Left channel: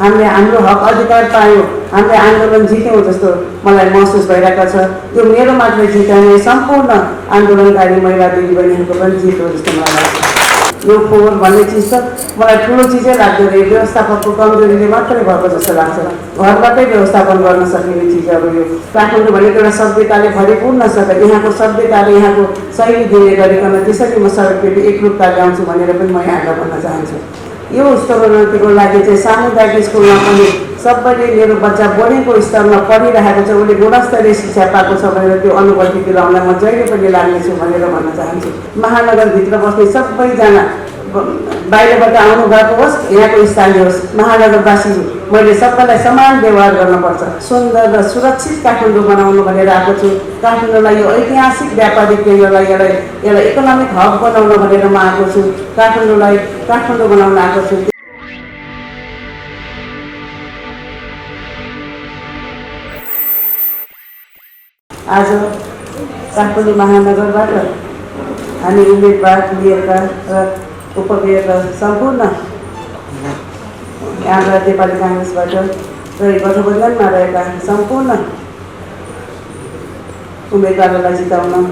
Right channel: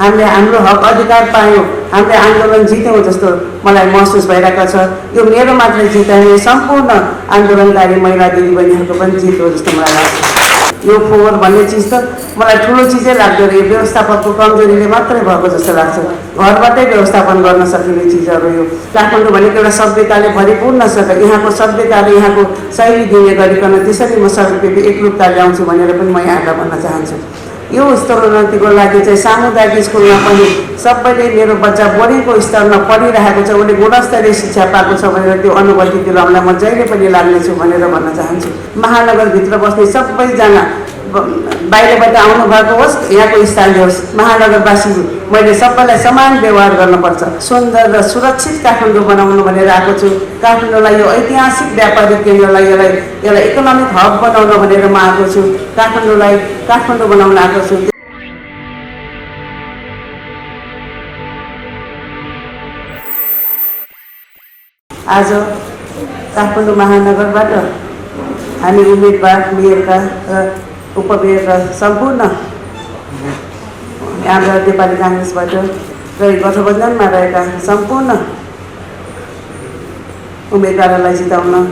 हामीले हाम्रो हक अधिकार पायौँ, हामीले आन्दोलन जित्यौँ जस्तो मलाई महसुस भइरहेको छ। यो मेरो मात्रै जित होइन, सम्पूर्ण आन्दोलनकारी महिला दिदीबहिनीहरूको पनि जित हो जस्तो मलाई लाग्छ। यो फोहोर भन्ने चिज त मलाई ठुलो चिजै लाग्दैन, यो व्यवस्थापकको कमजोरीले मात्रै भएको जस्तो लाग्छ। घरबाटै व्यवस्थापन गर्न सकिने चिजहरू यो। काठमाडौँ भनेको एउटा सभ्यताले भरिपूर्ण छ, यहाँको सभ्यताले यहाँको शैली दिने गरिकन त्यसरी म सबैको एकरूपता ल्याउँछु भनेर पनि म यहाँलाई भन्न चाहन्छु। यो स्तरोन्नतिको लागि चाहिँ सामुदायिक स्कुलमा पनि सबैले मेरो बच्चा बढीको स्तरमा पढिरहेको छ, उसले गुणस्तरीय शिक्षा पाएको छ भनेर त्यो अनुभूतितिर आउन म जहिले पनि लाग्नेछु भनेर भन्न चाहन्छु। महानगरभित्र बस्ने सबैजना बाहिरबाट आउनुभएको होस्, यहाँको स्थानीय होस्, महानगरवासी मैले सबैलाई समान व्यवहार गर्नुपर्छ, सुन्दर र सुरक्षित काठमाडौँ बनाउनु भनेर आएको छु। काठमाडौँलाई यो ऐतिहासिक व्यापारिक केन्द्रलाई यसलाई इकोनोमिक हब बनाउनु भनेर म आएको छु। काठमाडौँलाई काठमाडौँ बनाउन आएको छु। आज काठमाडौँ महानगरबाट हामी उम्मेदवार लिएका उपमेयरका सम्पूर्ण हाम्रा नेपाली काङ्ग्रेसबाट र गठबन्धनमा रहेका सम्पूर्ण उम्मेदवारलाई जिताउन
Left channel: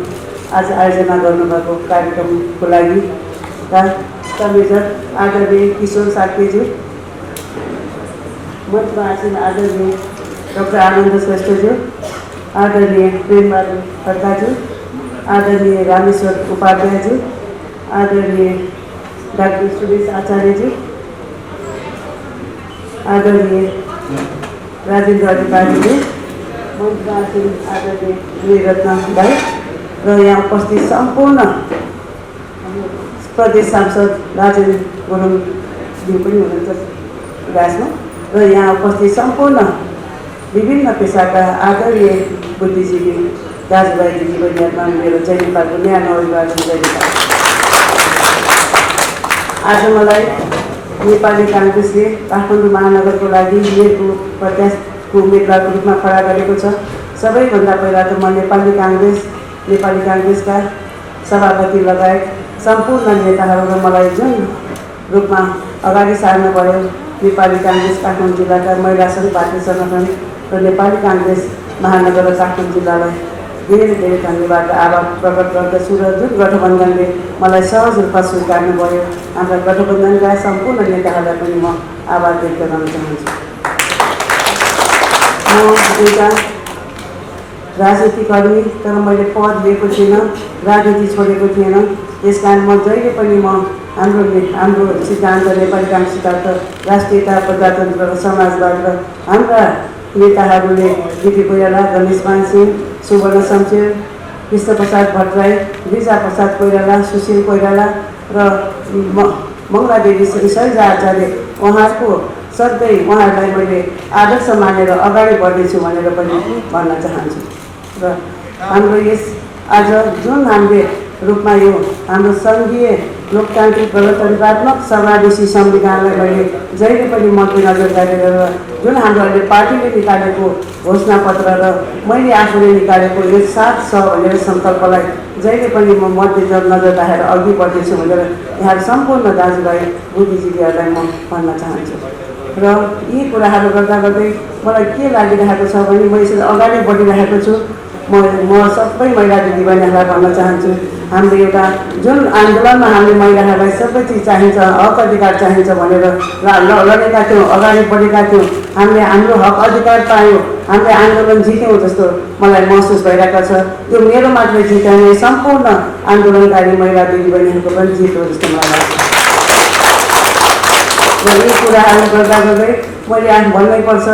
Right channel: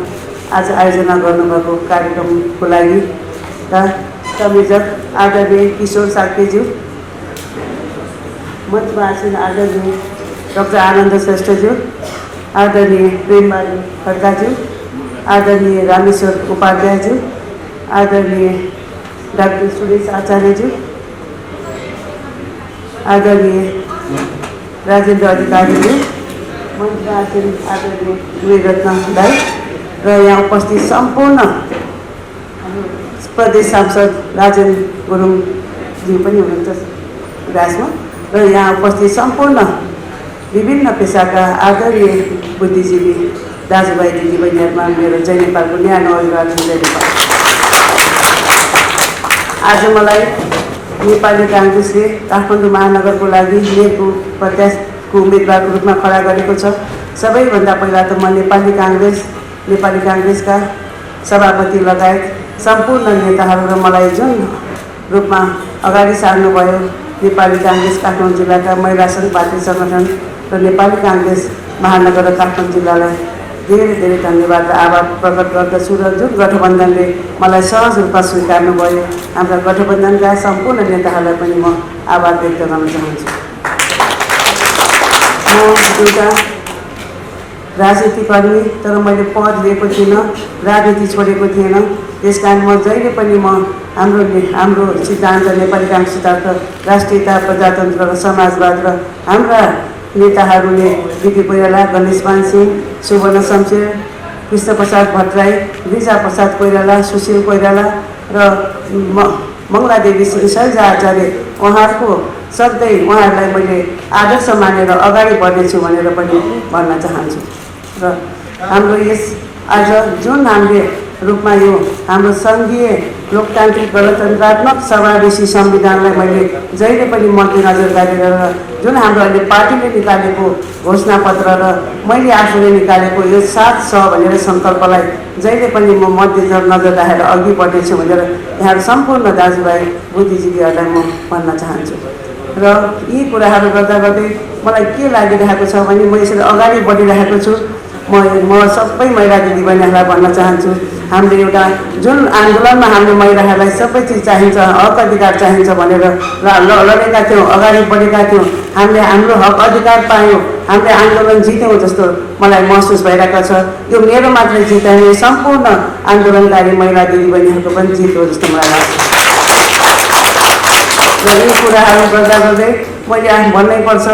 आज आयोजना गर्नुभएको कार्यक्रमको लागि संयोजक आदरणीय किशोर साक्यज्यू, मञ्चमा आसीन आदरणीय डाक्टर आनन्द श्रेष्ठज्यू, आदरणीय प्रेमबहादुर खड्काज्यू, आदरणीय रामेश्वर उपाध्यायज्यू, आदरणीय डाक्टर सुरेश आचार्यज्यू, आदरणीय राजेन्द्र अधिकारीज्यू, मञ्चमा आसीन आदरणीय वीररत्न दाई र यहाँ उपस्थित सम्पूर्ण प्रदेश सांसद राजेन गुरुङज्यू पनि हुनुहुन्छ राजमा, र यहाँ उपस्थित सम्पूर्ण विभिन्न पेसाका आदरणीय बुद्धिजीवी दाजुभाइ दिदीबहिनीहरूमा मेरो जय नेपालको न्यानो अभिवादन जय नेपाल। आज मलाई नेपाली काङ्ग्रेसले काठमाडौँ महानगरको लागि मेयरको प्रत्याशीको उम्मेदवारको रूपमा खडा गरेको छ। सबैभन्दा पहिला त म नेपाली काङ्ग्रेसका सभापति लगायत सम्पूर्ण नेताहरू मलाई जुन रूपमा अगाडि सार्नुभयो, नेपाली काङ्ग्रेस काठमाडौँ जिल्लाका महिला सङ्घ पार्टी सङ्गठन र नेपाली काङ्ग्रेस महानगर र काठमाडौँ जिल्लालाई धेरै धेरै धन्यवाद र आभार प्रकट गर्दछु। र जुन गठबन्धनले मलाई सहज रूपमा स्वीकार्नुभयो, हाम्रा गठबन्धनका सम्पूर्ण नेताहरूलाई पनि म आभार व्यक्त गर्न चाहन्छु। म एउटा राजनीतिकर्मी, तर मैले पद लिएको थिइनँ, राजनीति छोडेको थिएन। त्यसकारण म जहिले पनि हाम्रो सिद्धान्त नेपाली काङ्ग्रेस सिद्धान्त राष्ट्रियता, प्रजातन्त्र र समाजवाद र हाम्रा नेताहरूले बिपी कोइराला, गणेशमान सिंह, सुवर्ण शमशेर, कृष्णप्रसाद भट्टराई, गिरिजा प्रसाद कोइराला, सुशील कोइराला र मङ्गलादेवी शैलजा आचार्य, उहाँहरूलाई मैले आदर्श मानेर अगाडि बढ्नेछु भनेर पनि भन्न चाहन्छु। र हाम्रो यस आज जुन हामीले रूपमा यो हाम्रो सङ्घीय लोकतान्त्रिक गणतन्त्रात्मक समावेशी संविधानलाई मैले जहिले पनि मध्यनजर गरेर जुन हाम्रो अहिले पार्टीले निकालेको घोषणापत्र र मैले आफूले निकालेको यो 7 स भनेर सङ्कल्पलाई जहिले पनि म मध्यनजर राखेर अघि बढ्नेछु भनेर यहाँ सम्पूर्ण दाजुभाइ बुद्धिजीवीहरूलाई म भन्न चाहन्छु। र यी कुराहरू गर्दा गर्दै मलाई के लागिरहेको छ भने म यसरी अगाडि बढिरहेको छु। म सबै महिला दिदीबहिनीहरूलाई भन्न चाहन्छु, हामीले एउटा जुन आन्दोलनमा हाम्रो महिलाहरूलाई सबै चिज चाहिन्छ, हक अधिकार चाहिन्छ भनेर लडेका थियौँ, अगाडि बढेका थियौँ, हामीले हाम्रो हक अधिकार पायौँ, हामीले आन्दोलन जित्यौँ जस्तो मलाई महसुस भइरहेको छ। यो मेरो मात्रै जित होइन, सम्पूर्ण आन्दोलनकारी महिला दिदीबहिनीहरूको पनि जित हो जस्तो मलाई लाग्छ। र यी कुराहरू गर्दा गर्दै मैले भन्नै पर्छ,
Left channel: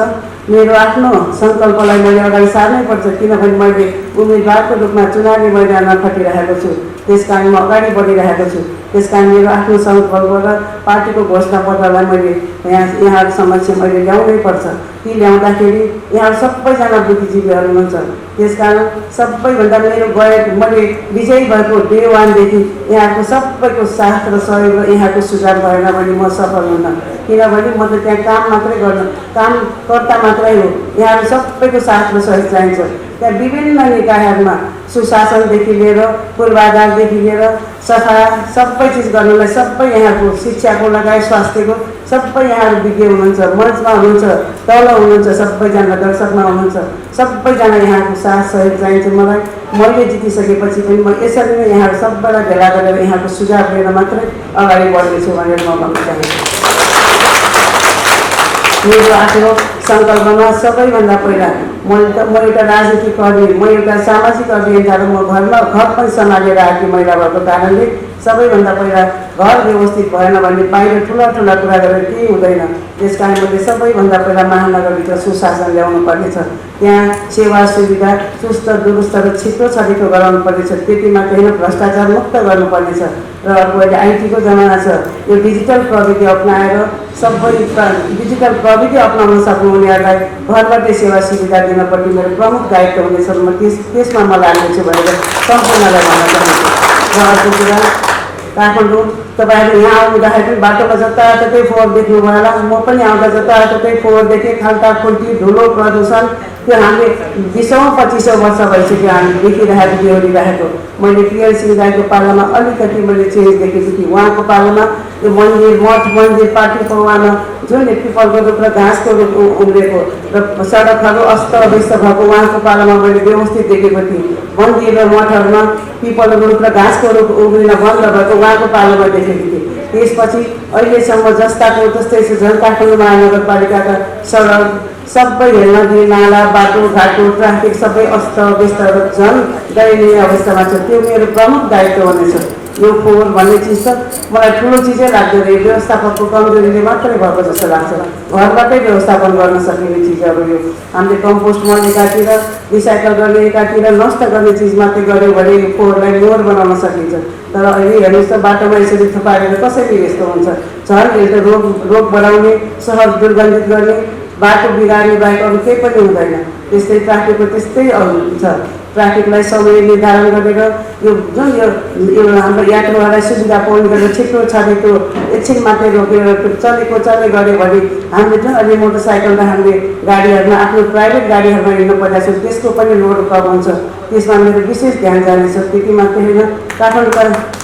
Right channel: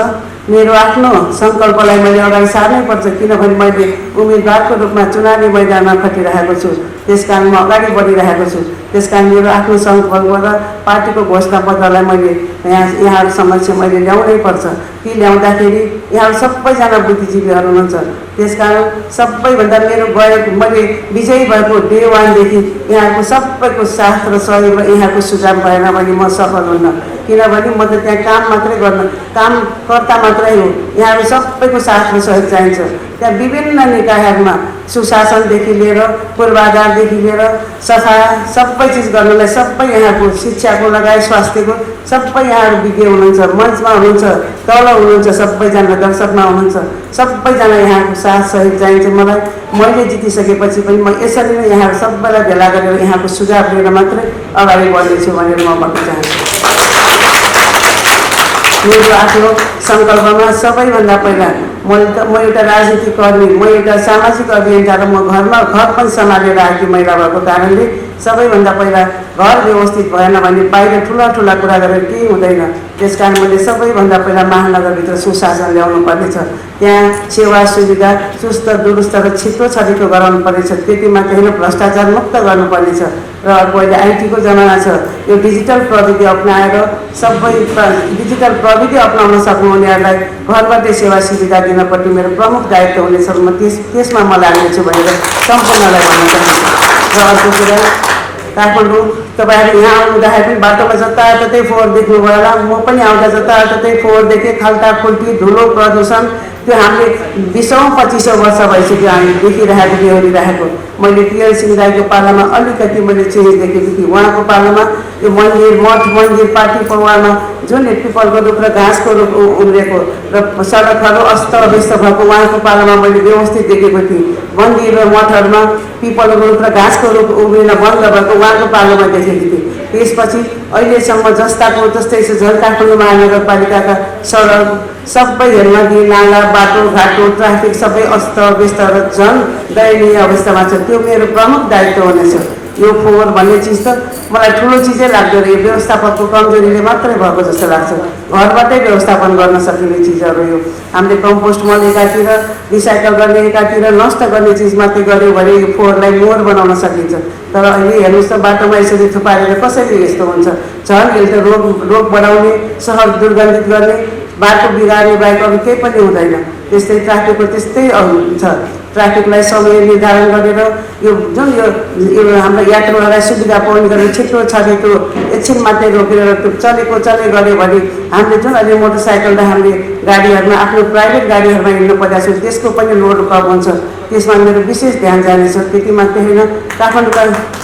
मेरो आफ्नो सङ्कल्पलाई मैले अगाडि सार्नै पर्छ, किनभने मैले उम्मेदवारको रूपमा चुनावी मैदानमा खटिरहेको छु। त्यसकारण म अगाडि बढिरहेको छु। त्यसकारण मेरो आफ्नो सङ्कल्प र पार्टीको घोषणापत्रलाई मैले यहाँहरू समक्ष मैले ल्याउनै पर्छ। ती ल्याउँदाखेरि यहाँ सबैजना बुद्धिजीवीहरू हुनुहुन्छ। त्यसकारण सबैभन्दा मैले विजयी भएको डे 1 देखि यहाँको सबैको साथ र सहयोग र यहाँको सुझाव भएन भने म सफल हुन्न, किनभने म त त्यहाँ कामकर्ता मात्रै हो। यहाँहरू सबैको साथ र सहयोग चाहिन्छ। त्यहाँ विभिन्न निकायहरूमा सुशासनदेखि लिएर पूर्वाधारदेखि लिएर सफा सबै चिज गर्नलाई सबै यहाँको शिक्षाको लगायत स्वास्थ्यको सबै यहाँहरू विज्ञ हुनुहुन्छ, मञ्चमा हुनुहुन्छ, तल हुनुहुन्छ, सबैजना दर्शकमा हुनुहुन्छ, सबैजना यहाँको साथ सहयोग चाहिन्छ मलाई। मैले जितिसकेपछि पनि म यसरी नै यहाँहरू सबैलाई भेला गरेर यहाँको सुझाव लिएर मात्रै अगाडि बढ्नेछु भनेर म भन्न चाहन्छु। मेरो आफ्नो सङ्कल्पमा सबैभन्दा पहिला म एउटा राजनीतिक कर्मी, म एउटा सामाजिक अभियन्ता र म घर पनि सम्हालेर आएकी महिला भएको कारणले सबैभन्दा पहिला घर व्यवस्थित भएन भने बाहिर ठुला ठुला कुरा गरेर केही हुँदैन। त्यसकारण मैले सबैभन्दा पहिला महानगरभित्र सुशासन ल्याउनु पर्नेछ। त्यहाँ सेवा सुविधा चुस्त दुरुस्त र छिटो छरिटो गराउनु पर्नेछ। त्यति मात्रै होइन, भ्रष्टाचार मुक्त गर्नुपर्नेछ। र अर्को अहिले आइटीको जमाना छ, यो डिजिटल प्रविधि अप्नाएर सबै डिजिटल प्रविधि अप्नाउन सक्नुहुनेहरूलाई घरबाटै सेवा सुविधा दिनपट्टि मेरो प्रमुख दायित्व हुनेछ। म त्यसमा म लाग्नेछु भनेर सम्पूर्णलाई भन्न चाहन्छु। र अर्को कुरा, काठमाडौँ तपाईँहरू यहाँ आउँदाखेरि बाटोमा जताततै फोहोर देख्नुभयो होला। म पनि आउँदा जताततै फोहोर देखेँ, खाल्टाखुल्टी, धुलो, प्रदूषण। त्यो हामीले 20औं-25औं वर्ष भइसक्यो हामी देखिरहेको बेहोरिरहेको। मैले पिएल सिंह दाइको पालामा अलिकति मैले चेन्ज देखेकी थिएँ। उहाँको पालामा यो मन्दिर मठ मन्दिर पार्टी पौवामा जुन पिपलको रुख र घाँसको रुख उम्रेको र सडकहरू अस्तव्यस्त भएको उहाँको पालामा मैले व्यवस्थित देखेको थिएँ। मन्दिर र मठहरूमा पिपलको रुख र घाँसको रुख उम्रिन बन्द भएको उहाँको पालामा देखेको थिएँ। त्यसपछि अहिलेसम्म जस्ताको तस्तै काठमाडौँ महानगरपालिकाका सडक सबै नदी नाला बाटोघाटो ट्राफिक सबै अस्तव्यस्त र झन् दयनीय अवस्थामा छ। त्यो मेरो प्रमुख दायित्व हुनेछ। यो फोहोर भन्ने चिज त मलाई ठुलो चिजै लाग्दैन, यो व्यवस्थापकको कमजोरीले मात्रै भएको जस्तो लाग्छ। घरबाटै व्यवस्थापन गर्न सकिने चिजहरू यो हामीले कम्पोस्ट मल एकातिर, रिसाइकल गर्ने एकातिर, नष्ट गर्ने चिज मात्रै गऱ्यो भने यो फोहोरलाई मोहर बनाउन सकिन्छ। तर अहिले हेर्नुहोस् त बाटोमा यसरी थुपारेर कसरी यस्तो हुन्छ? झन् यसले रोग बढाउने, सहर दुर्गन्धित गर्ने, बाटो बिगार्ने बाहेक अरू केही पनि हुँदैन। त्यस्तै ट्राफिकको त्यस्तै छ। ट्राफिकलाई समय निर्धारण गरेर यो जुन यो हाम्रो यात्रुहरूलाई सुविधा पुर्याउनु गरेर छिटो छरेको एकछिन मात्रै रोकेर चलेको चले गऱ्यो भने हामीले जुन अहिले मोटरसाइकल र हामीले गाडीहरूमा आफ्नो प्राइभेट गाडीहरूमा हिँड्नु पर्दा छ त्यसको पनि लोड कम हुन्छ। त्यसमा मेरो विशेष ध्यान जानेछ। त्यति मात्रै होइन, काठमाडौँमा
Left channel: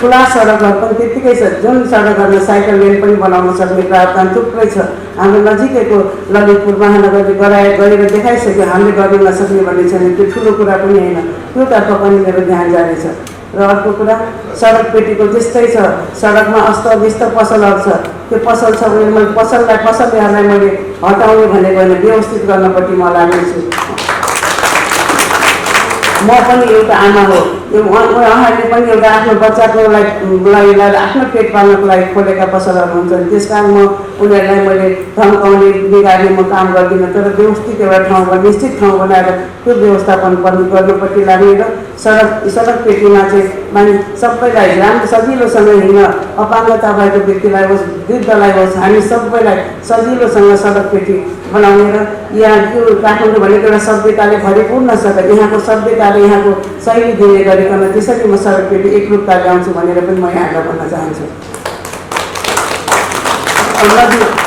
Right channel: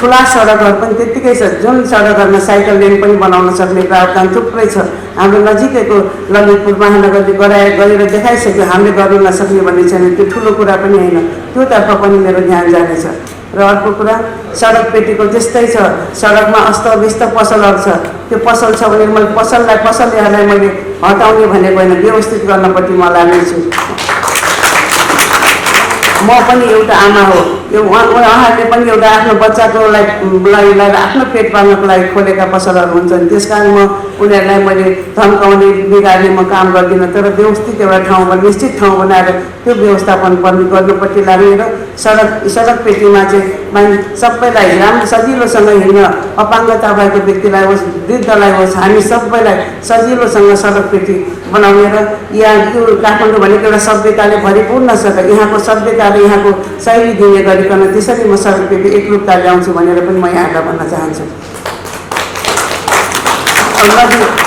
ठुला सडकहरू पनि त्यत्तिकै छ। जुन सडकहरूमा साइकल लेन पनि बनाउन सक्ने प्रावधान थुप्रै छ। हाम्रो नजिकैको ललितपुर महानगरले गरेर देखाइसक्यो। हामीले गर्नु नसक्ने भन्ने छैन, त्यो ठुलो कुरा पनि होइन। त्योतर्फ पनि मेरो ध्यान जानेछ। र अर्को कुरा, सडक पेटीको त्यस्तै छ। सडकमा अस्तव्यस्त पसलहरू छ। त्यो पसल छ भने मैले पसलहरूलाई मैले हटाउने भनेको होइन, व्यवस्थित गर्नपट्टि म लाग्नेछु। म पनि एउटा आमा हो। यो उहाँहरूले पनि एउटा आफ्नो बच्चाको लागि आफ्नो पेट पाल्नको लागि खोलेका पसलहरू हुन्छन्। त्यसकारण म उनीहरूलाई मैले धम्काउने बिगार्ने म काम गर्दिनँ। तर व्यवस्थित एउटा ठाउँमा निश्चित ठाउँ बनाएर त्यो व्यवस्थापन गर्नुपट्टि लाग्ने र सडक पेटीमा चाहिँ सबैलाई राम्रो सजिलोसँग हिँड्न, अपाङ्गता भएको व्यक्तिलाई होस्, वृद्धलाई होस्, हामी सबैलाई सजिलोसँग सडक पेटी बनाउने र यहाँ यो काठमाडौँ भनेको एउटा सभ्यताले भरिपूर्ण छ। यहाँको सभ्यताले यहाँको शैली दिने गरिकन त्यसरी म सडक पेटी एकरूपता ल्याउँछु भनेर पनि म यहाँलाई भन्न चाहन्छु।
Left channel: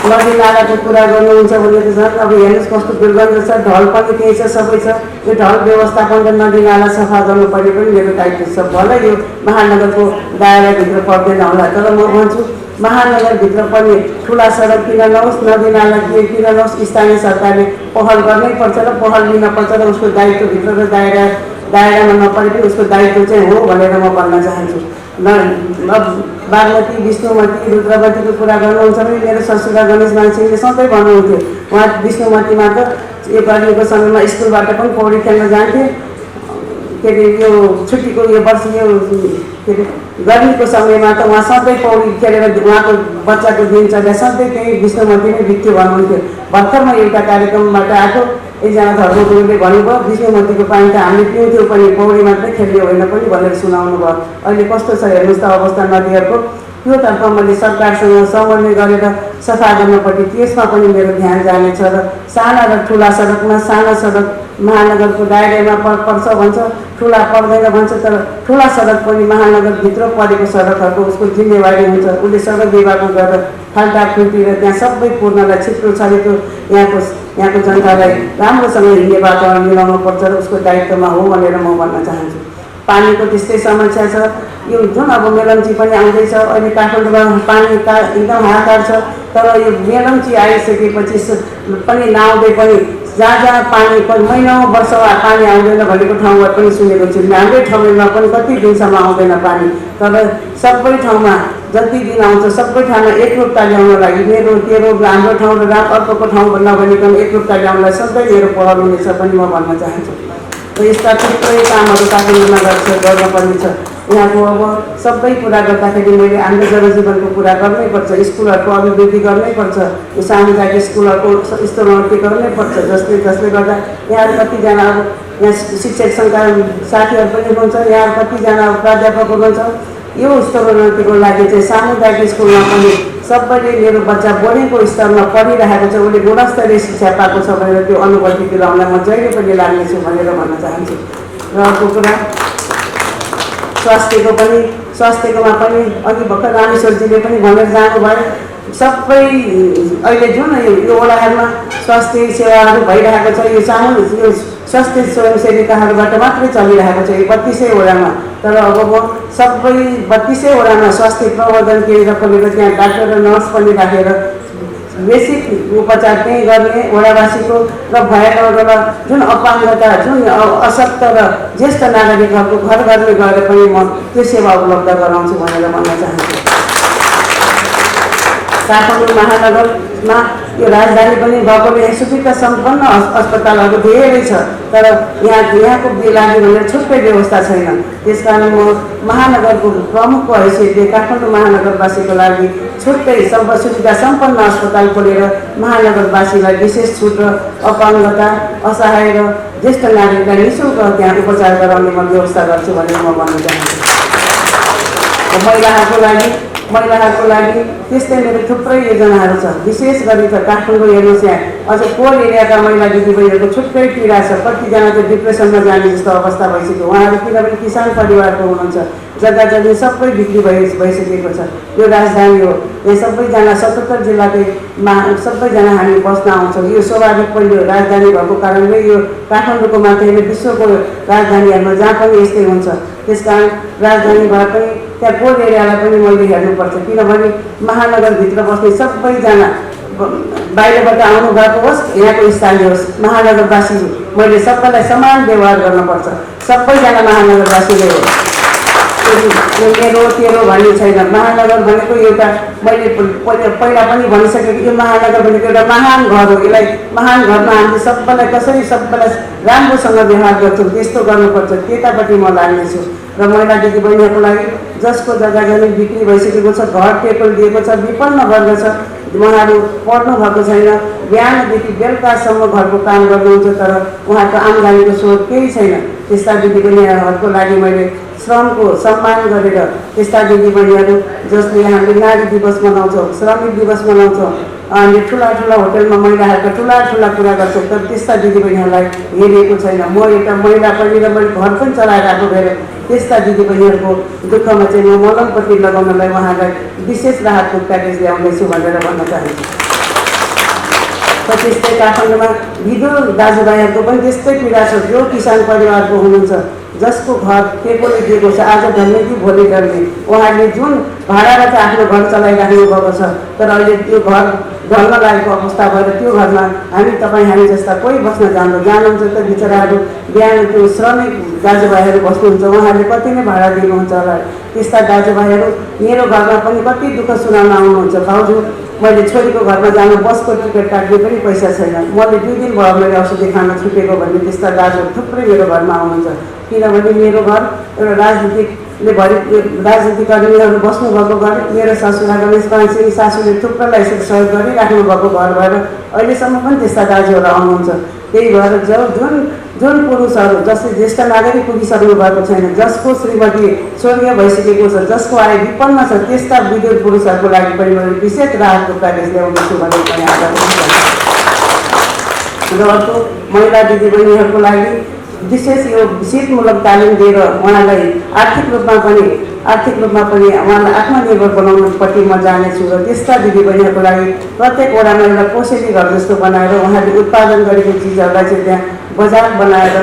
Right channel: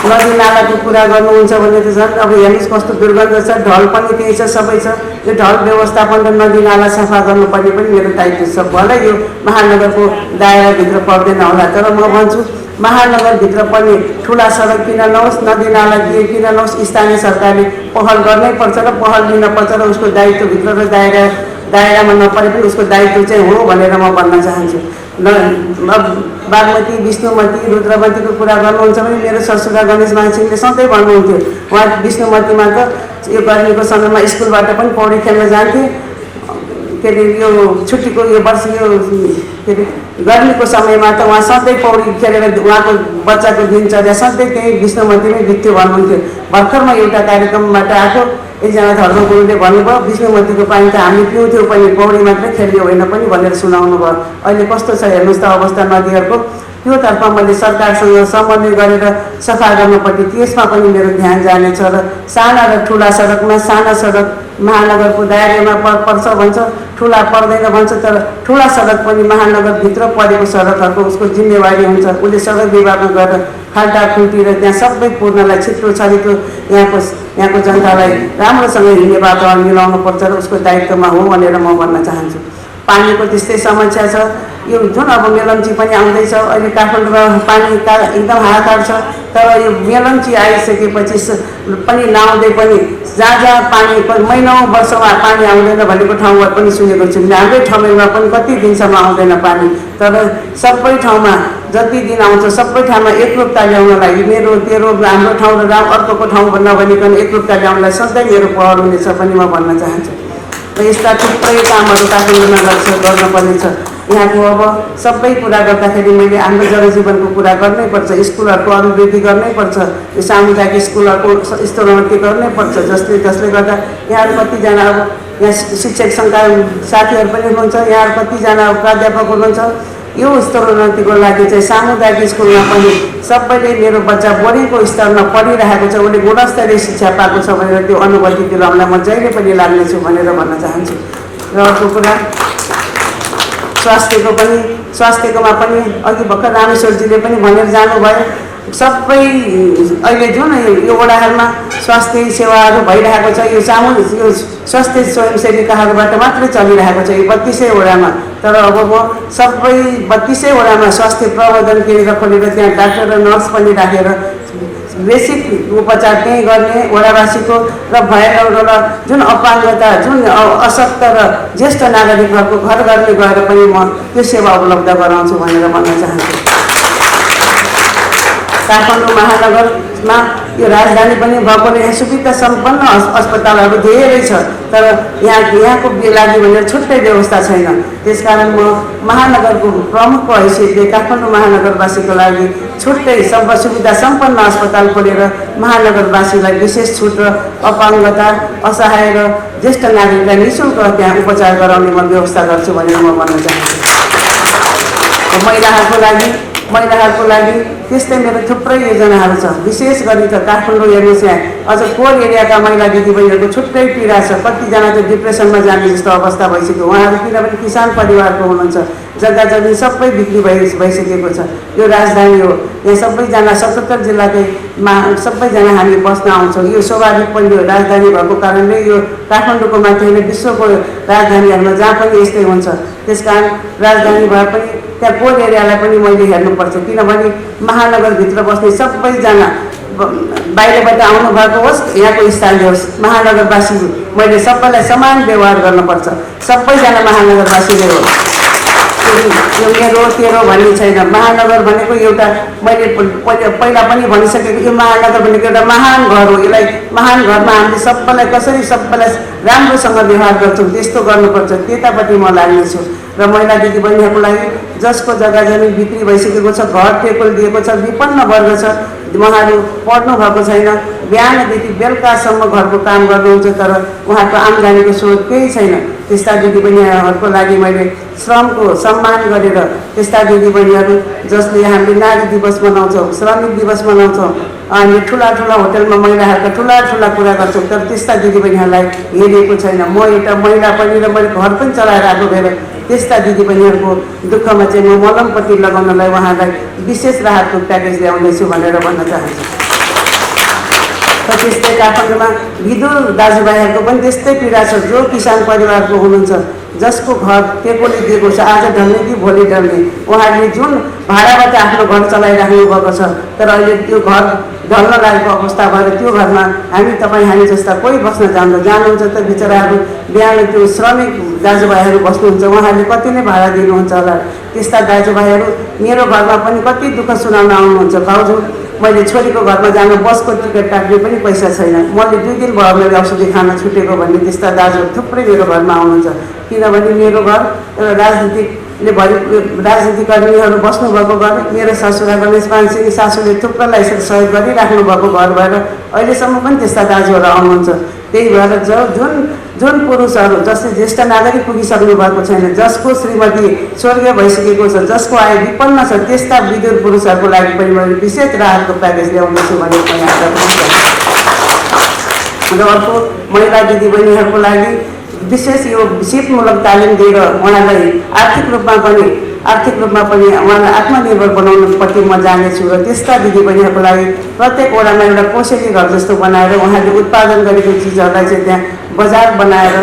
नदी नालाको कुरा गर्नुहुन्छ भने त झन् अब हेर्नुहोस् कस्तो दुर्गन्ध छ। ढल पनि त्यही छ, सबै छ। यो ढल व्यवस्थापन र नदी नाला सफा गर्नुपर्ने पनि मेरो दायित्व छ। भलै यो महानगरको दायराभित्र पर्दैन होला, तर म भन्छु महानगरभित्र पनि ठुला सडक किन नहोस्, नदी नाला किन नहोस्, स्थानीय सरकारले पहल गर्नै पर्छ र पहल लिनपर्छ र उसको दायित्वभित्र र दायरामा नपरे पनि उसको दायित्व चाहिँ हो भनेर म भन्न चाहन्छु। बागमती, विष्णुमती, रुद्रमतीको कुरा गर्नुहुन्छ भने मेरो ससुरा गणेश मानसिंहले सधैँ भन्नुहुन्थ्यो। उहाँ विष्णुमतीमा त यो गर्मीको समयमा स्कुलबाट पनि पौडी खेल्न जान्थे। के अरे यो छुट्टीको यो वर्ष यो के अरे गर्मीको समयमा त उहाँ सधैँ पौडी खेलेर उहाँको बच्चाको दिनचर्या सधैँ त्यही विष्णुमतीमै बित्यो भन्नुहुन्थ्यो। भर्खर म एउटा कार्यक्रमबाट आएको, एकजना धर्मगुरुले भन्नुभयो विष्णुमतीको पानी त हामी पिउँथ्यौँ पनि, पौडी मात्रै खेल्यो होइन पनि भनेर सुनाउनु भयो। अहिले कस्तो छ हेर्नुहोस् त अवस्था नदीहरूको। त्योतर्फ मैले सरकारसँग समन्वय गरेर सफा गर्नपट्टि त्यसमा पनि मेरो ध्यान जानेछ। र साना र ठुला सडकमा, साना सडक महानगरको दायरामा पर्छ भन्छ, ठुला पर्दैन भन्छ, तर ठुला सडक पनि महानगरभित्र परेको सडकहरूको उसको जिम्मेवारी हुन्छ। उसले सडक विभागमा गएर खाल्टाखुल्टी र त्यहाँ सबै पूर्णलाई छिटो छरिटो यहाँको यहाँको जनतालाई राम्रोसँग हिँड्ने बाटो मिलाउनुपर्छ र उसको दायित्वमा हो भनेर म भन्न चाहन्छु। पानीको त्यस्तै समस्या छ। यो जुन अब मेलम्ची पनि आउँदैछ, अहिले काठमाडौँमा पानी एकदम हाहाकार छ, तर यो मेलम्ची आइसकेपछि पनि नआउँदै पनि जहाँ पानी महिनौँ वर्षमा पानी आउँदैन भनेको ठाउँमा पनि सुनेको छु। हाम्रै ठाउँमा पनि कति दिनसम्म आउँदैन पानी, तर सबै ठाउँमा जति दिन आउँछ सबै ठाउँमा एकरूपता ल्याउन लागि मेरो तेरो हाम्रो ठाउँ र अर्कोको ठाउँ नभनिकन एकरूपता ल्याउनलाई सधैँ मेरो पहल हुनेछ पनि म भन्न चाहन्छु। र यस्ता थुप्रै कामहरू काठमाडौँ नगर गर्नुपर्ने छ। यहाँको अब सबै कुरा गर्दाखेरि मैले हाम्रो जनजीवनको कुरा गर्नैपर्छ, स्कुलहरूको अभिवृद्धि गर्नैपर्छ, यो सामुदायिक स्कुलहरूको स्तरोन्नति गर्नैपर्छ, जसले गर्दा यहाँहरू कतिजना अब यहाँ शिक्षक सङ्घका साथीहरू पनि हुनुहुन्छ, यहाँ कतिजना प्राध्यापक हुनुहुन्छ। यो स्तरोन्नतिको लागि चाहिँ सामुदायिक स्कुलमा पनि सबैले मेरो बच्चा बढेको स्तरमा पढिरहेको छ, उसले गुणस्तरीय शिक्षा पाएको छ भनेर त्यो अनुभूति दिलाउन म जहिले पनि लाग्नेछु भनेर भन्न चाहन्छु। र अर्को कुरा स्वास्थ्यकोमा पनि अघि भर्खर रामेश्वरजीले पनि भनेर जानुभयो, सबै अहिले जुन यो वडाहरूमा स्वास्थ्य सेवाहरू भइरहेको छ यो स्वास्थ्य स्वयंसेविकाहरूबाट मात्रै चलिरहेको छ यो 32 वडामा। तर अब म सबै 32 वडामा स्वास्थ्य प्रबन्धन केन्द्र खोलेर त्यहाँ डाक्टर र नर्स पनि राखेर बेसिक उपचार त्यहीँ गर्ने वडावासीको र भएका जुन अपाङ्गता जुन अशक्त र ज्येष्ठ नागरिकहरूको घर घरले गएर पनि म त्यो सेवा उपलब्ध गराउँछु भनेर भन्न चाहन्छु। काठमाडौँ महानगरमा यो राजधानी पनि भएकोले यहाँ सुविधा सम्पन्न अस्पतालहरू धेरै छ, तर यहाँको लागि भनेर छुट्टै व्यवस्था छैन। त्यसकारण म महानगरको प्रमुखको हैसियतले काठमाडौँ महानगरवासीको लागि छुट्टै सुविधा सम्पन्न अस्पताल खोलेर महानगरवासीलाई विशेष छुट र अपाङ्गता असहाय र ज्येष्ठ नागरिकलाई निःशुल्क त्यहाँ उपचार गराउने म व्यवस्था गर्छु भनेर म भन्न चाहन्छु। महिलाहरूको लागि त्यस्तै मेरो थुप्रै योजनाहरू छ। विशेष गरी त काठमाडौँ हेर्नुहोस्, यहाँ अझ पोर एरियाका महिला दिदीबहिनीहरूको छुट्टै पीडा छ। कतिजना त डिप्रेसनमा जाने जस्तो अवस्था भइसक्यो उहाँहरू, किनभने किसान परिवारको हुनुहुन्छ, जग्गा जमिन सबै बिक्री भइसकेको छ। यो राजधानी हो, यहाँ सबैजना 77 जिल्लाकैमा सबैजना हामी बस्न आउँछौँ। यो स्वाभाविक पनि हो, राजधानी भएको कारणले यो काठमाडौँको मात्रै होइन विश्वको राजधानीहरूमा जहाँ पनि यस्तै हुन्छ। त्यसकारण राजधानी भए पनि त्यहाँ पोर एरियालाई पनि मैले हेर्नुपर्छ, किनभने महानगरभित्र बस्ने सबैजना बाहिरबाट आउनुभएको होस् यहाँको स्थानीय होस्, महानगरवासी मैले सबैलाई समान व्यवहार गर्नुपर्छ। सबैजना महानगरवासीले हो, मेरो तेरो भन्ने छैन। महानगर भनेको एउटा मैले पहिला पनि भनिसकेको, यो महानगर भनेको एउटा महान घर हो। यसलाई महान घरमा हामीले सबैलाई कसरी सबैलाई राम्रोसँग व्यवहार गर्छौँ त्यस्तो गर्नुपर्छ, त्यतापट्टि म लाग्नेछु। र महिला दिदीबहिनीहरूको लागि जसको जग्गा जमिन बिक्री भइसकेको छ, घर टेबल दिएको छ, विपन्न वर्ग छ, उहाँहरू पढ्नु भएको छैन, बिहानदेखि बेलुकासम्म घरको काम गर्नुहुन्छ तर उहाँको आम्दानीको स्रोत केही छैन, त्यस्ता दिदीबहिनीहरूको लागि मैले श्रमको सम्मान गरेर त्यस्ता दिदीबहिनीहरू जसले हामीले नारी दिवस मनाउँछौँ, श्रमिक दिवस मनाउँछौँ, अनि ठुला होटलमा महिलाहरूका ठुला कुरा गर्छौँ, तर त्यस्ता दिदीबहिनीहरूलाई हेरिएको छैन। म एउटा महिला पनि र मैले घर पनि चलाएर आएको भएर त्यस्ता दिदीबहिनीहरूको दुःखमा चाहिँ म मलमपट्टि लगाउनलाई उहाँलाई विशेष राहतको प्याकेज ल्याउँदैछु भनेर भन्न चाहन्छु। त्यस्तै काठमाडौँमा विधुर दाजुभाइहरूको पनि त्यस्तै पीडा छ, जो किसान परिवारको हुनुहुन्छ, जसको घर टेकोले दिएको छ, आज ढल्ने कि भोलि ढल्ने, उहाँले जुन भाडाबाट आफ्नो घर चलाइराख्नु भएको छ, तर अहिले त्यो घर ढल्न लागेको अवस्था भएर त्यो घरमा हामी जस्ता कोही बस्न जानुहुन्छ त बिचराहरू बिहान त्यो श्रमिक दाजुभाइहरू बस्नुहुन्छ, उहाँहरूले कति नै भाडा दिनुहुन्छ होला। त्यस्ता दाजुभाइहरू मेरो घरमा पनि कति दुःख सुनाउन आउनुहुन्छ, भाउजू मैले छोरीको घरमा जानु बसको टिकट काट्ने पनि पैसा छैन, मैले 2 दिन भयो मैले औषधि खान छुटेको भन्ने त्यस्ता दाजुहरू थुप्रै मेरो घरमा आउनुहुन्छ। किनभने मेरो घर एउटा राजनीतिकर्मीहरू बस्नुभएको घर, मेरो ससुरा गणेश पानसिंह सासूले थुप्रैलाई सहयोग गरिराख्नु भएको घर भएर अहिलेसम्म पनि त्यस्ता दाजुहरू आउनुहुन्छ। त्यही भएर जुन पुरुषहरू जसले ज्येष्ठ नागरिक पुगिसक्नु भएको छैन, जसको श्रीमती स्वर्गीय भइसकेको छ, जसको आय विपन्न छ, त्यस्ता विधुर पुरुषहरूको लागि पनि मैले विशेष राहतको प्याकेज ल्याउँदैछु भनेर र अर्को महिला दिदीबहिनीहरूको लागि विशेष यो सिपमूलक तालिम दिएर उहाँलाई आर्थिक रूपमा पनि आर्थिक रूपमा पनि उहाँलाई आत्मनिर्भर बनाउनुपट्टि म जानेछु र त्यस्ता दिदीबहिनीहरूको लागि प्रत्येक वडामा एउटा कोसेली घर जस्तो बनाएर उहाँहरूले उत्पादन गरेको चिजहरूलाई चाहिँ त्यहाँ बजार बनाएर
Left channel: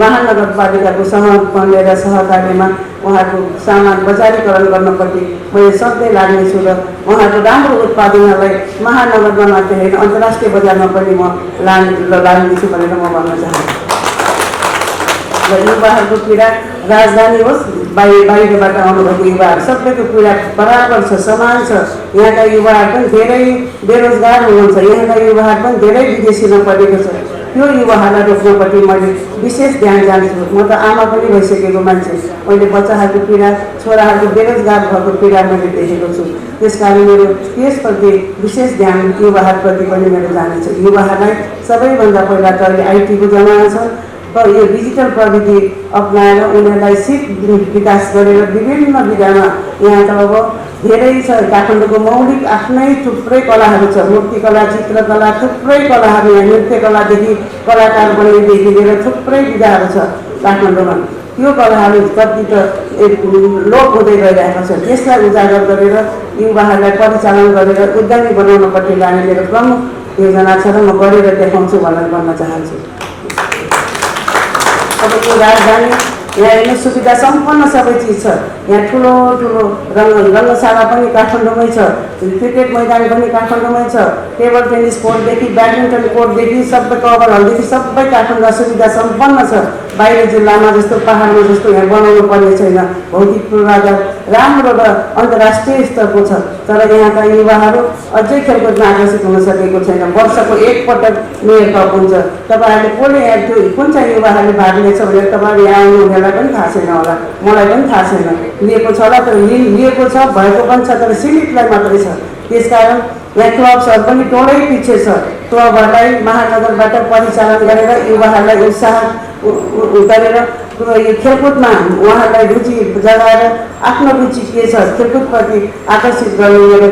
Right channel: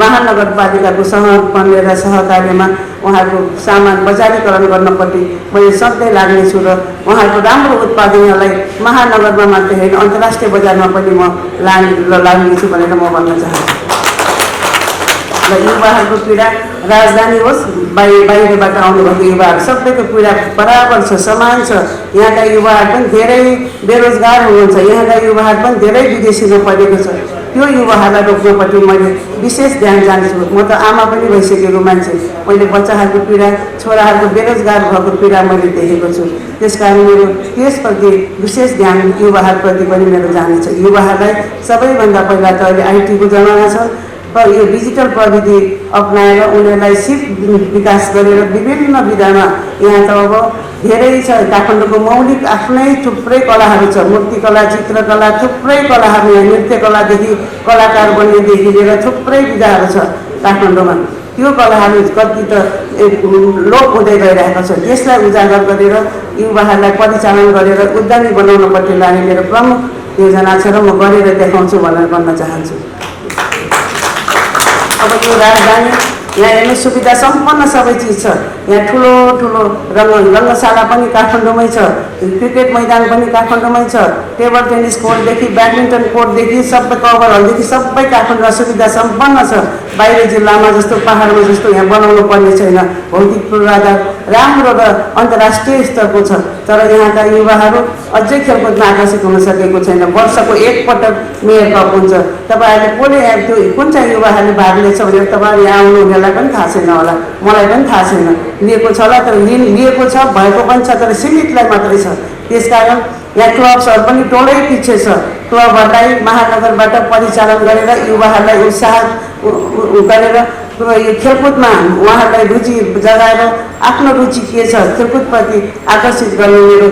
महानगरपालिकाको सहमन्वय र सहकार्यमा उहाँहरूको सामान बजारीकरण गर्नपट्टि मैले सधैँ लाग्नेछु र उहाँहरूको राम्रो उत्पादनहरूलाई महानगरमा मात्रै होइन अन्तर्राष्ट्रिय बजारमा पनि म लाग्नेछु भनेर म भन्न चाहन्छु। र युवाहरूको पीडा राजधानी होस् बाहिरबाट आउनुभएको युवाहरू सबैको पीडा बराबर छ, समान छ। यहाँका युवाहरू पनि धेरै बेरोजगार हुनुहुन्छ, यहाँका युवाहरू पनि धेरै विदेशीमा परेको छ। त्यो युवाहरूलाई रोक्नपट्टि मैले विशेष ध्यान जान्छु। म त आमा पनि भइसकेको मान्छे, मैले बच्चाहरूको पीडा, छोराहरूको बेरोजगार भएको पीडा मैले देखेको छु। त्यसकारण मेरो त्यसप्रति विशेष ध्यान युवाहरूप्रति पनि मेरो जानेछ। युवाहरूलाई सबैभन्दा पहिला त अहिले आइटीको जमाना छ, यो डिजिटल प्रविधि अप्नाएर उनीहरूलाई सिप विकास गरेर विभिन्न विधामा यहाँ त अब धेरै छ। काठमाडौँको मौलिक आफ्नै थुप्रै कलाहरू छ, मूर्तिकला, चित्रकला, थुप्रै कलाहरू, यहाँ नृत्यकलादेखि कलाकार बन्नेदेखि लिएर थुप्रै विधाहरू छ काठमाडौँमा। त्यो कलाहरू कति त लोप हुँदै गइरहेको छ। त्यसलाई उजागर गरेर युवाहरूलाई परिचालन गरेर उद्यमी बनाउनपट्टि लाने मेरो प्रमुख योजना छ र म गरेर देखाउँछु भनेर भन्न चाहन्छु। तपाईँको राजधानी यहाँ हेर्नु सुविधा सम्पन्न सबै चिज छ। यहाँ ठुलो ठुलो रङ्गशाला पनि काठमाडौँमै छ, क्रिकेट मैदान पनि काठमाडौँमै छ, टेबल टेनिस कोर्टदेखि ब्याडमिन्टन कोर्टदेखि सबै कभर हलदेखि सबै काठमाडौँमा सुविधा सम्पन्न छ। बाहिर जिल्लामा जस्तो पहाडमा जस्तो यहाँ बनाउनु पर्ने छैन। भौतिक पूर्वाधार राम्रो र अन्तर्राष्ट्रिय स्तरको छ, तर यहाँका युवाहरू अझै खेलकुदमा आकर्षित हुन सकेको छैन। वर्षको एकपटक मेयर कप हुन्छ, तपाईँहरूले कसले त्यो कुन चाहिँ युवाहरूले भाग लिएछ भनेर तपाईँहरू यहाँ आउनु उनीहरूलाई पनि थाहा छैन होला, मलाई पनि थाहा छैन। लिएको छ होला, तर लिएको छ, भएको पनि छ, तर सीमितलाई मात्रै छ। त्यसकारण यहाँ क्लब्सहरू पनि टोलै पछि छ। क्लबहरूलाई महानगरबाट परिचालन गरेर युवाहरूलाई उत्साह गरेर यो खेलकुदमा उहाँहरूलाई रुचि जगाएर आफ्नो रुचि के छ खेलकुदप्रति आकर्षित गर्ने मेरो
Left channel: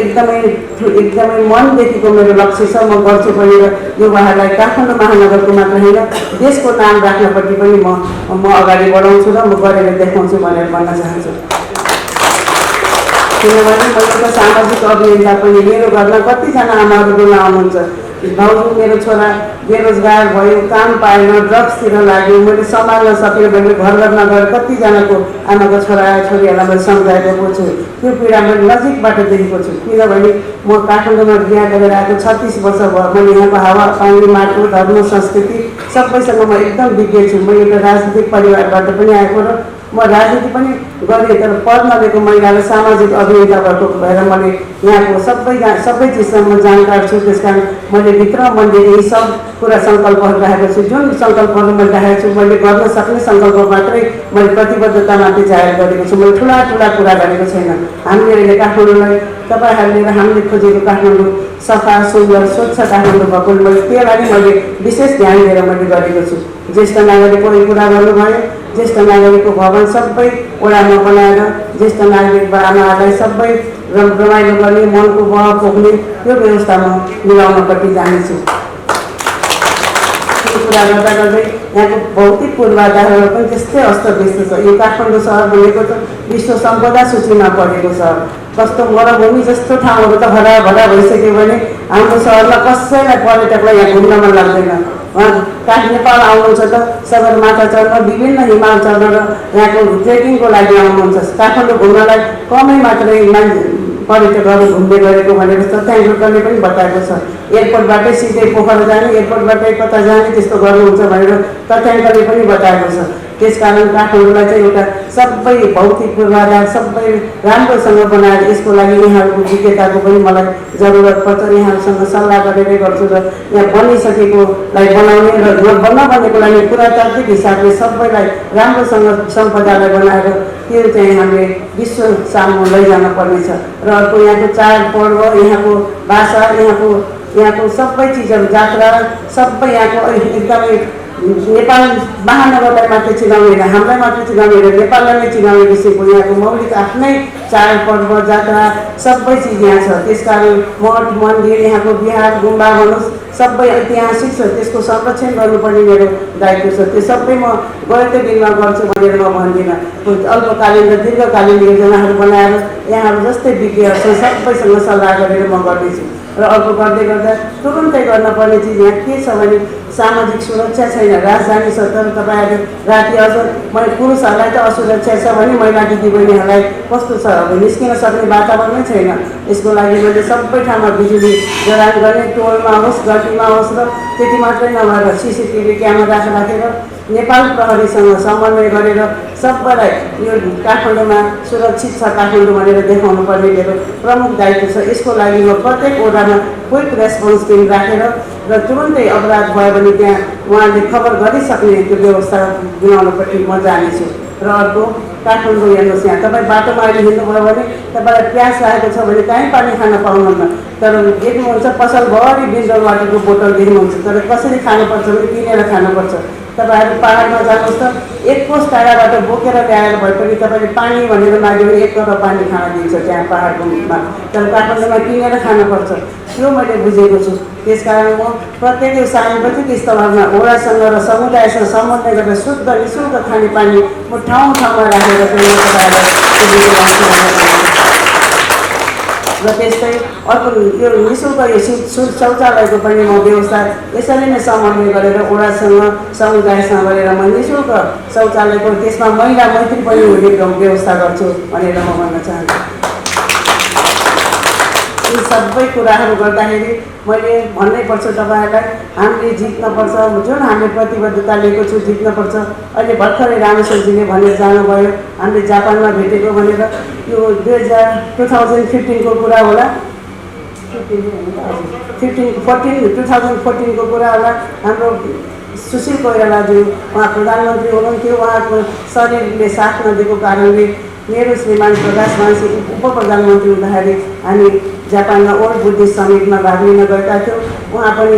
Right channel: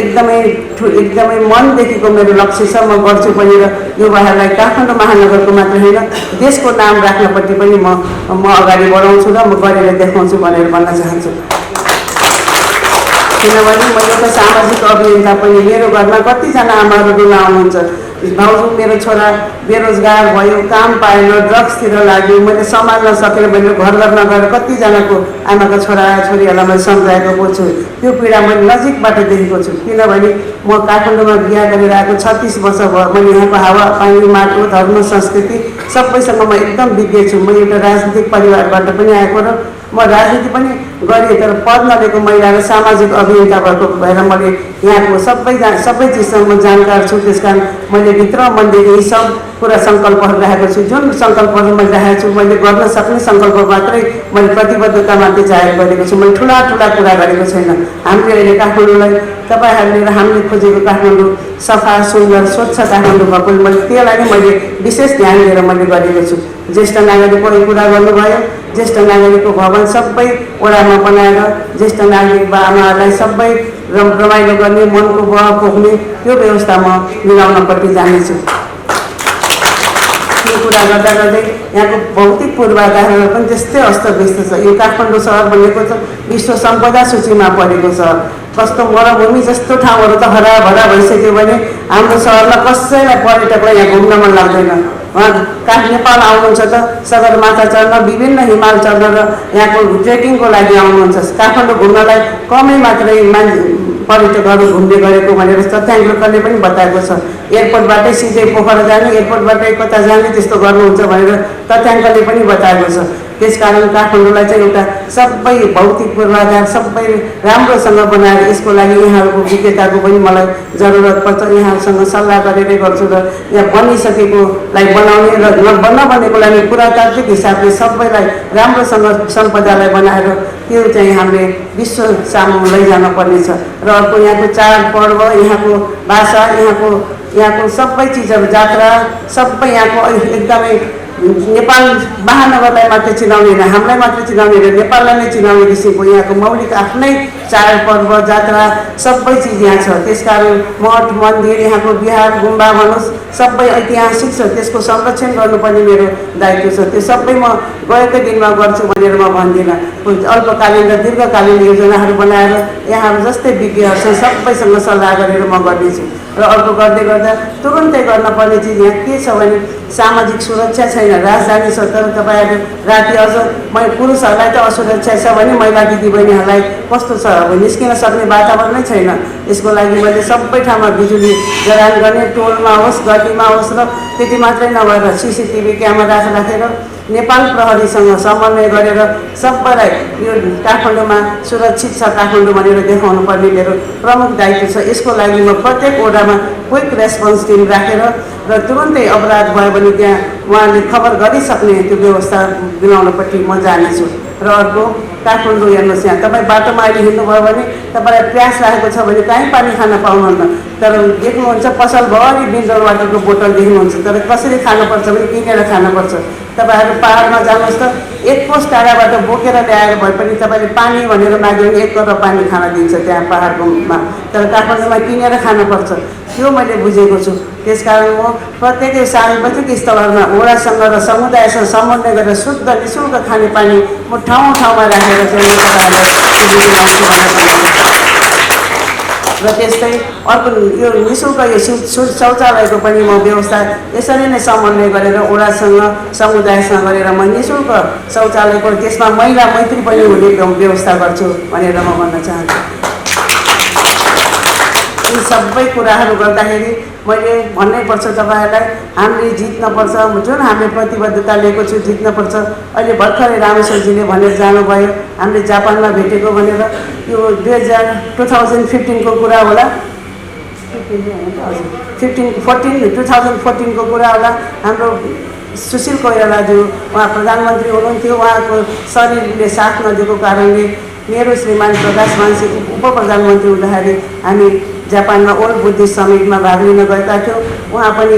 एकदमै मनदेखिको मेरो लक्ष्य छ। म गर्छु पनि र युवाहरूलाई काठमाडौँ महानगरको मात्र होइन देशको नाम राख्नपट्टि पनि म अगाडि बढाउँछु र म गरेर देखाउँछु भनेर भन्न चाहन्छु। किनभने मैले त सामाजिक अभियन्ता पनि, मेरो घरमा कतिजना आमाहरू बुढा आउनुहुन्छ, भाउजू मेरो छोरा बेरोजगार भयो, काम पाएन, ड्रग्सतिर लाग्यो, मैले सम्हाल्न सकेन भनेर घर घरमा गएर कतिजनाको आमाको छोरा छोरीहरूलाई मैले सम्झाएको छु। त्यो पीडा मैले नजिकबाट देखेको छु। किनभने म काठमाडौँमा बिहा गरेर आएको 36 वर्ष भयो। मैले यहाँको हावा पानी माटो धर्म संस्कृति सबैसँग म एकदम विज्ञ छु। म एउटा राजनीतिक परिवारबाट पनि आएको र म राजनीति पनि गरेँ, तर पढ नलिएको महिला र सामाजिक अभियन्ता भएको भएर मैले यहाँको सबै चिजसँग म जानकार छु। त्यसकारण मैले भित्र मनदेखि यी सब कुरा सङ्कल्पहरू राखेको छु। जुन सङ्कल्पहरू मैले राखेको छु, मैले गर्न सक्ने सङ्कल्प मात्रै मैले प्रतिबद्धता मात्रै जाहेर गरेको छु। मैले ठुला कुरा गरेको छैन। हामीले अहिले काठमाडौँलाई तपाईँहरूले र हामीले खोजेको काठमाडौँ सफा सुन्दर स्वच्छ काठमाडौँ भएको, मैले त्यसलाई मैले विशेष ध्यान दिएर मैले गरेको छु। ज्येष्ठ नागरिकको कुरा गर्नुभयो, ज्येष्ठ नागरिकको भवन सबै वडामा बनाएर ज्येष्ठ नागरिक बाबाहरूलाई सबै रमाइलो गर्ने, मनको बल पोख्ने त्यो व्यवस्था म मिलाउनपट्टि जानेछु। यो कुरा गर्दा गर्दै यहाँको भौतिक पूर्वाधारहरू पनि त्यस्तै अस्तव्यस्त छ। यो काठमाडौँ सहर भनेको त विश्व सम्पदा सूचीमा परेको सहर। कस्तो मरुभूमि जस्तो ठाउँहरू त हराभरा भइसक्यो भने हाम्रो सहरमा कसैलाई पर्यटकलाई यहाँ घुम्न मन लाग्दैन। उहाँ नेपाल आउनुहुन्छ त सगरमाथा चढ्न, विभिन्न हिमाल चढ्न र यहाँको ट्रेकिङको लागि आउनुहुन्छ। काठमाडौँ घुम्नलाई कमै मात्रै पर्यटकहरू घुम्ने गरेको भनेर तथ्याङ्कले पनि बताएको छ। एयरपोर्टबाटै सिधै पोखरा जाने, एयरपोर्टबाटै कता जाने त्यस्तो गर्नुहुन्छ भनेर तथ्याङ्कले पनि बताएको छ। त्यसकारण काठमाडौँलाई चाहिँ एउटा सबै भौतिक पूर्वाधार सबै राम्रोसँग बनाएर यसको लागि यहाँहरूको विज्ञताको पनि मलाई जरुरत पर्छ। यहाँहरूसँग सल्लाह गरेरै गर्छु र यहाँ बनिसकेकोलाई बनाउने र बनेको लागि पुरातात्विक हिसाबले सबैलाई राम्रोसँग सम्पदालाई बनाएर त्यो चाहिँ हामीले विश्व सामु लैजान पर्नेछ। र अर्को यहाँको चाडपर्व, यहाँको भाषा, यहाँको सबै चिजहरू, जात्रा सबै यहाँको एकदमै नेपाल महानगरलाई मात्रै चिनाउने होइन, हामीलाई मात्रै चिनाउने होइन, नेपाललाई नै चिनाउने किसिमको यहाँको मौलिक आफ्नै चाडपर्व जात्रा सबै चिज यहाँ छ। त्यसकारण मठ मन्दिर, यहाँको बिहार गुम्बा भनोस् सबै ऐतिहासिक छ, त्यसको संरक्षण गर्नुपर्ने मेरो दायित्व छ। त्यो सबै म गएकै दिनमा गर्छु भनेर म भन्दिनँ। अल्पकालीन र दीर्घकालीन योजनाहरू बनाएर यहाँहरू जस्तै विज्ञहरूसँग सबैसँग सल्लाह गरेर म गर्नेछु। र अर्को गर्दै गर्दा तुरुन्तै गर्नुपर्ने चिज यहाँ के छ भने सामाजिक सुरक्षा छैन, राजधानी छ, तर तपाईँहरू राति अझ पुरुषहरूलाई त असुरक्षा छ भने महिला दिदीबहिनीहरूलाई कस्तो छ, अब निस्किन सक्ने वातावरणै छैन। यसको लागि मैले सबै ठाउँमा बिजुली जडान गर्ने, टोलमा होस् गल्लीमा होस्, र त्यति मात्रै नभएर CCTV क्यामेरा राखेर नेपाल प्रहरीसँग समन्वय गरेर सबैलाई यो काठमाडौँमा सुरक्षित छ काठमाडौँ भनेर देखाउनु पर्ने मेरो प्रमुख दायित्व छ। यसको लागि म प्रत्येक वडामा क्विक रेस्पोन्स टिम राखेर र तुरुन्तै अपराध भयो भने त्यहाँ उहाँले खबर गरिसक्ने त्यो व्यवस्था बनाउनपट्टि म जानेछु। र अर्को काठमाडौँ हेर्नुहोस्, यहाँ तपाईँ बाटोमा अहिले हिँड्नुभयो भने तपाईँलाई प्यास लागेको छ भने कहीँ पानी खान पाउनुहुन्न, तर देख्नुहुन्छ पसलभरि मिनरल वाटरको बोतल देख्नुहुन्छ, तर कसरी खानुपर्छ भने किनेर खानुपर्छ। तपाईँहरू पाहाडमा जानुहोस् त, एक कोस टाढाबाट बोकेर ल्याएर भए पनि तपाईँले पानी भनेर माग्यो भने 1 करोड पानी खान दिन्छ त्यहाँ पाहाडकोमा, तर काठमाडौँमा किनेर खानुपर्छ। त्यो मैले बुझेको छु। त्यसकारण म प्रत्येक सार्वजनिक स्थलहरूमा वडासँग र समुदायसँग समन्वय गरेर शुद्ध निःशुल्क खानेपानी म ठाउँ ठाउँमा राखेर र त्यस्तै अर्को यो निःशुल्क यो शौचालयको पनि म व्यवस्था यसरी नै समन्वय गरेर वडासँग समुदायसँग गरेर म निःशुल्क शौचालयको त्यसमा महिला मैत्री पनि हुने व्यवस्था गर्छु भनेर म भन्न चाहन्छु। यी सबै कुराहरू गर्दाखेरि मैले भन्नैपर्छ तपाईँहरूलाई, हामीले जित्नपर्छ। जुन हामीले प्रतिबद्धता लिएको छु जित्नपर्छ। अहिले भर्खरै रामेश्वरजीले भनेर जानुभयो हामीले जापानमा भेटेको भनेर, यो 2015 को कुरा होला, 2014 को कुरा होला। हाम्रो सुशील कोइरालाज्यू उहाँ प्रधानमन्त्री हुनुहुन्थ्यो, उहाँको शरीरले साथ नदिएको कारणले मेरो श्रीमान प्रकाश मानसिंह उप प्रधानमन्त्री हुँदाखेरि हामी जापानमा ओल्ड बुद्धिस्ट समिटमा भाग लिन गएका थियौँ। उहाँ पनि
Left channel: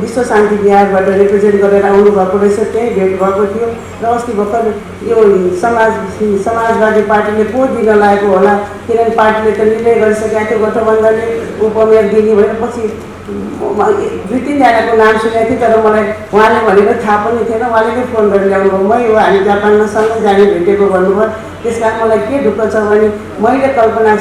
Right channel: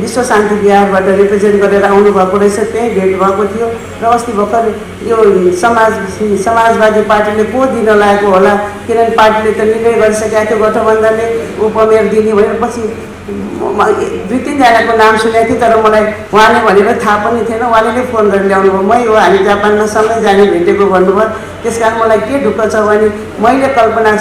विश्व शान्ति विहारबाट रिप्रेजेन्ट गरेर आउनुभएको रहेछ, त्यहीँ भेट भएको थियो। र अस्ति भर्खर यो समाजवादी पार्टीले को दिन लागेको होला, किनभने पार्टीले त निर्णय गरिसकेका थियो गठबन्धनले उपमेयर दिने भएपछि 2-3 जनाको नाम सुनेको थिएँ, तर मलाई उहाँले भनेर थाहा पनि थिएन। उहाँले नै फोन गरेर ल्याउनु भयो, मै हो हामी जापानमा सँगै जाने भेटेको भन्नुभयो। त्यस कारण मलाई के ढुक्क छ भने मैले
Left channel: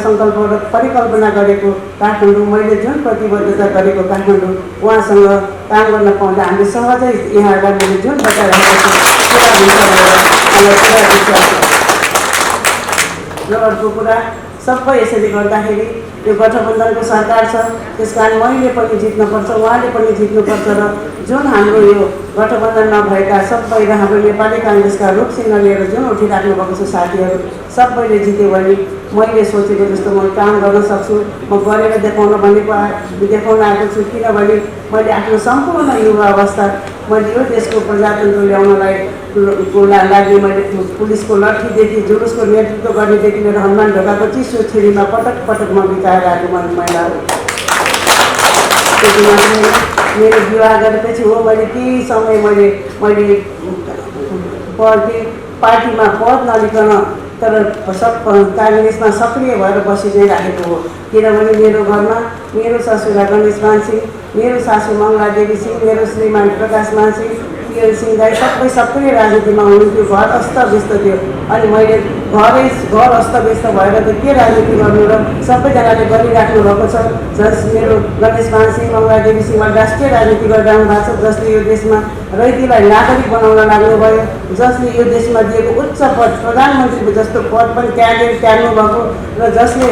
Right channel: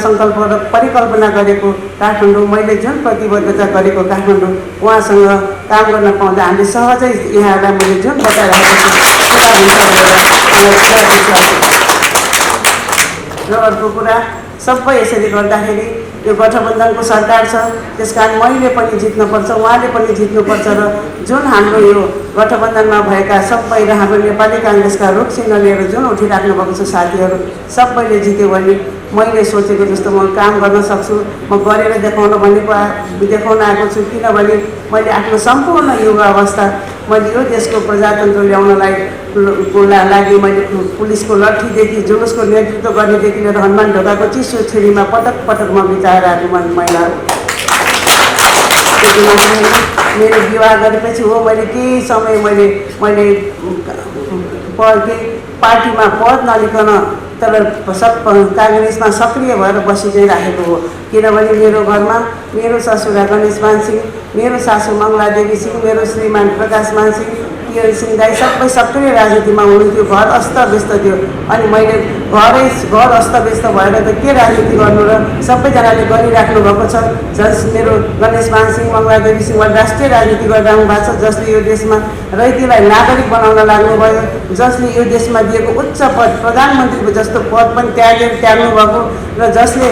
सङ्कल्प र परिकल्पना गरेको काठमाडौँ, मैले जुन प्रतिबद्धता गरेको काठमाडौँ उहाँसँग काम गर्न पाउँदा हामीले सहजै यहाँहरूलाई मैले जुन बताइरहेको छु पुरा हुन्छ र अर्को कुरा सबै यसरी गर्दाखेरि यो गठबन्धनको सरकार छ, त्यसकारण मैले पनि जित्नुपर्छ, उहाँले पनि जित्नुपर्छ। र जुन हाम्रो यो गठबन्धनमा भएका सबै र हाम्रो नेपाली काङ्ग्रेसका रुख चिन्ह लिएर जुन उठिराख्नु भएको छ साथीहरू, सबैले जित्यो भने मैले सोचेको जस्तो म काम गर्न सक्छु। म गरेर देखाउन देखाउन आएको छु, किनभने मैले आफ्नो सम्पूर्ण युवा अवस्था मैले यो देशको प्रजातन्त्र ल्याउनलाई लागि मैले पुलिसको लट्ठीदेखि जुलुसको नेतृत्व गर्नेदेखि लिएर हनुमान ढोकाको चिसो छेरीमा पटक पटक म बिताएर आएको महिलाहरू। मेरो विवाह गरेपछि हो मैले केही समय मैले पार्टीमा पद नलिकन तर काङ्ग्रेसमा सक्रिय भएर बसी चाहिँ राखेको हो। किनभने मेरो घरमा मेरो ससुरा गणेश मान सिंह, मेरो सासू मङ्गला देवी सिंह, मेरो श्रीमान प्रकाश मान सिंह, पियर सिंह दाई सबै सक्रिय राजनीतिमा हुनुहुन्थ्यो। घर अस्तव्यस्त थियो, अनि मैले घर अस्तव्यस्त भएर त के राजनीति गर्नु र सबैजनाले गरिराख्नु भएको छ। मेरो गणेश मान सिंह, मङ्गला देवी सिंह राष्ट्रिय राजनीति गरिरहनु भएको छ, जसले यो देशमा रैतीलाई नागरिक बनाउन लाग्नुभयो, जसले यो देशमा दिएको उच्च पद प्रधानमन्त्रीको जस्तो पद पनि त्याग्नु भएको, र जसले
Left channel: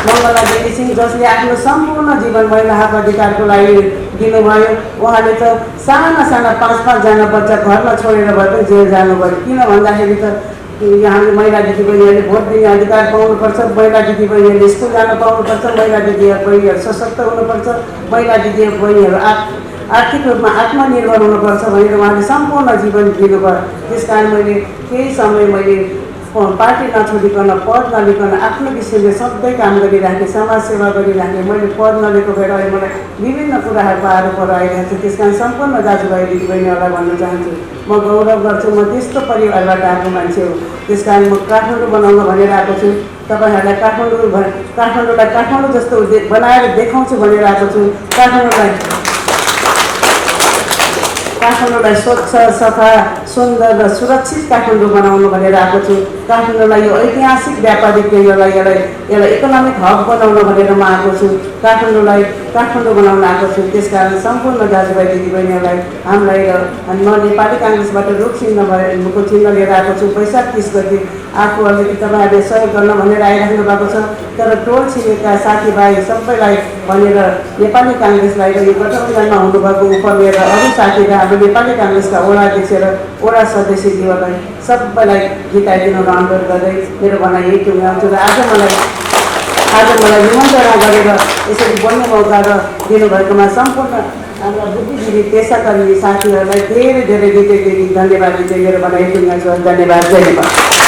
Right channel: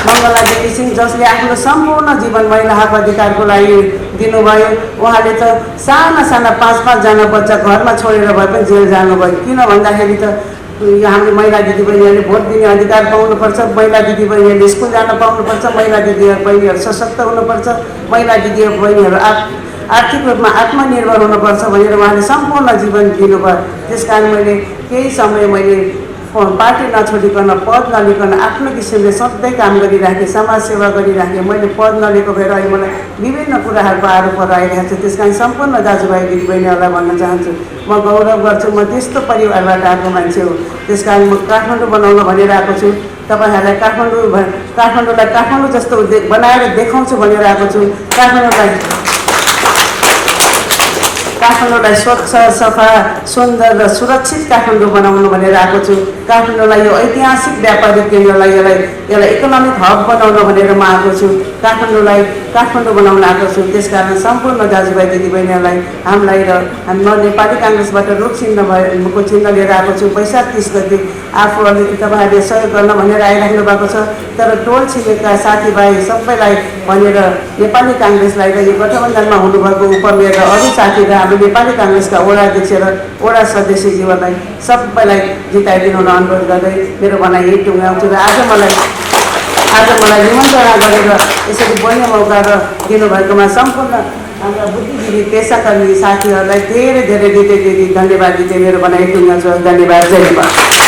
मङ्गला देवी सिंह जसले आफ्नो सम्पूर्ण जीवन महिलाहरूको अधिकारको लागि दिनुभयो। उहाँले त साना 5-5 बच्चा घरमा छोडेर भए पनि जेल जानुभयो। किन भन्दाखेरि त हाम्रो महिला दिदीबहिनीहरूले भोट दिने अधिकार पाउनुपर्छ, महिला दिदीबहिनीहरूले स्कुल जान पाउनुपर्छ, महिला दिदीबहिनीहरू सशक्त हुनुपर्छ, महिला दिदीबहिनीहरू आर्थिक रूपमा आत्मनिर्भर हुनुपर्छ भनेर उहाँले सम्पूर्ण जीवन दिनुभयो। त्यस कारण मैले केही समय मैले पार्टी नछोडिकन पद नलिकन आफ्नो किसिमले सधैँ काम गरिराखेँ, समाजसेवा गरिराखेँ। मैले पद नलिएको भएर अहिले मलाई विभिन्न कुराहरूको आरोपहरू आइरहेको छ। त्यस कारण सम्पूर्ण दाजुभाइ दिदीबहिनीहरूलाई भन्न चाहन्छु, म गौरव गर्छु, म त्यस्तो परिवारबाट आएको मान्छे हो। त्यस कारण म काठमाडौँ बनाउन भनेर आएको छु। तपाईँहरूलाई काठमाडौँलाई काठमाडौँ जस्तो बनाएर देखाउँछु भनेर आएको छु। काठमाडौँलाई स्वच्छ, सफा, सुन्दर र सुरक्षित काठमाडौँ बनाउनु भनेर आएको छु। काठमाडौँलाई यो ऐतिहासिक व्यापारिक केन्द्रलाई यसलाई इकोनोमिक हब बनाउनु भनेर म आएको छु। काठमाडौँलाई काठमाडौँ बनाउन आएको छु। त्यसकारण सम्पूर्ण दाजुभाइ दिदीबहिनीहरूलाई हामीलाई र म नेपाली काङ्ग्रेसबाट रुख चिन्हको चिन्ह लिएर आएको छु। वैशाख 30 गते आफू अलिकति तपाईँहरूले सहयोग गर्न भनेर आइराख्नु भएको छ। तर टोल छिमेका साथीभाइ सबैलाई भनेर नेपाली काङ्ग्रेसलाई र यो गठबन्धनमा हुनुभएको उपमेयर र अरू साथीलाई हामी नेपाली काङ्ग्रेसका वडा अध्यक्ष र वडा सदस्यज्यूहरूलाई सबैलाई जिताइदिनु अनुरोध गर्दै मेरो भनाइ यही टुङ्ग्याउँछु। र आज मलाई निमन्त्रणा गरेर यसरी बढ्ने मौका र दिनुभएकोमा सम्पूर्ण हाम्रा बुद्धिजीवी पेसाकर्मी साथीहरूलाई धेरै धेरै धन्यवाद दिँदै मेरो भनाइ टुङ्ग्याउँछु। धन्यवाद।